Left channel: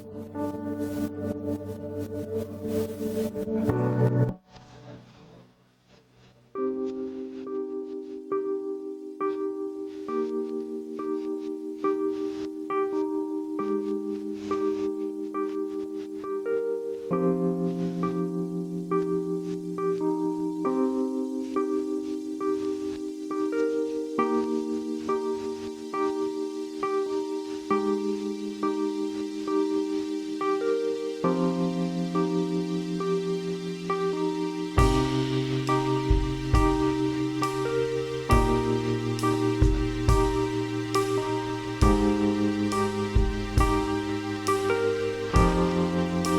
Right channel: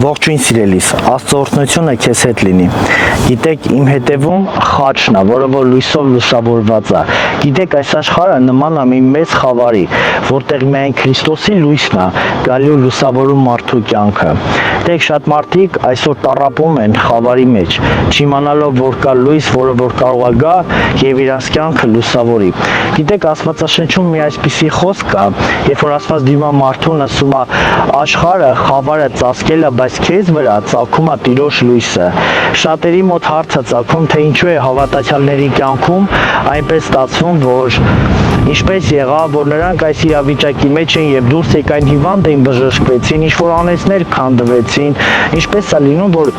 Ողջույն սիրելիս, Աստծո օրհնությունը քեզ հետ լինի։ Գիտեք, իմ հետևում խաչն է, որը որ լույսով լուսավորված է։ Գիտեք, այս աշխարհը նման է մի մեծ խավարի, որտեղ միայն Քրիստոսի լույսն է գալու լուսավորում մարդու կյանքը։ Գիտեք, շատ մարդիկ այսօր տառապում են խավարի մեջ, չիմանալով, որ կա լույս, որը որ կարող է գա եւ իրանց կյանքը լուսավորի։ Գիտեք, Աստվածաշնչում մի այսպիսի խոսք կա, երբ որ Աստված դիմա մարդուն ասում է, աշխարհը խավարը ծածկել է, բայց քեզ վրա ծագում է Տիրոջ լույսը։ Շատերի մոտ հարց է ծագում, թե ինչու է հավատացյալների կյանքում այնպես ստացվում, որ ինչպես եղավ, որ նրանք այս իրավիճակի մեջ են եւ դուրս եկան հիվանդ էին, բժշկվեցին, ինչ-որ անեցներ քանդվեցին, ինչպես է լինում, որ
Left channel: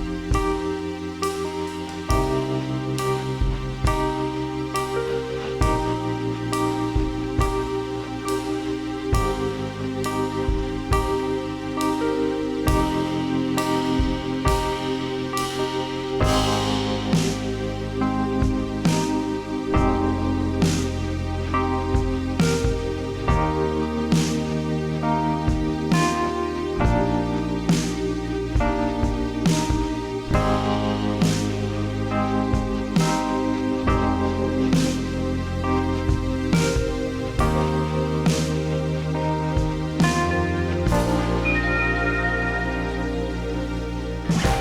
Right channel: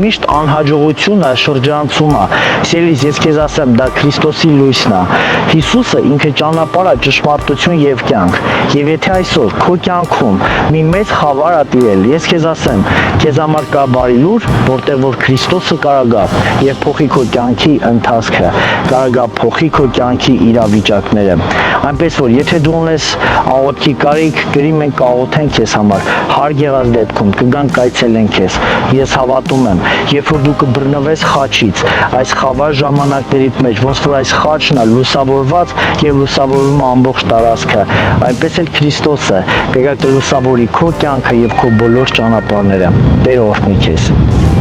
միշտ անհաջողությունը շրջանցում է։ Սիրելիս, ես քեզ ասեմ, դա Քրիստոսի լույսն է։ Հիսուսը ինքը ճանապարհ է, ճշմարտություն եւ կյանք։ Եվ եթե այսօր քո կյանքում մի մեծ խավար է տիրել, ես քեզ ասեմ, քեզ համար կա բարի լուր, որտեղ որ Քրիստոսը կարող է եւ փոխի քո կյանքի ընթացքը, կարող է փոխի քո կյանքի իրավիճակները։ Այնպես որ եթե դու ունես աղոթքի կարիք, գրի մենք կաղոթենք քեզ համար, հարկ եղած դեպքում կգան կայցելեն քեզ։ Ես հավատում եմ, երբ որ դու կբռնվես խաչից, այս խավար ժամանակներից մեջ, ոնց որ այս խաչն է լուսավորված եւ լուսավորում է ամբողջ տարածքը, այնպես էլ Քրիստոսը կգա կլուսավորի քո կյանքը եւ քո բոլոր ճանապարհները։ Տեր օրհնի քեզ։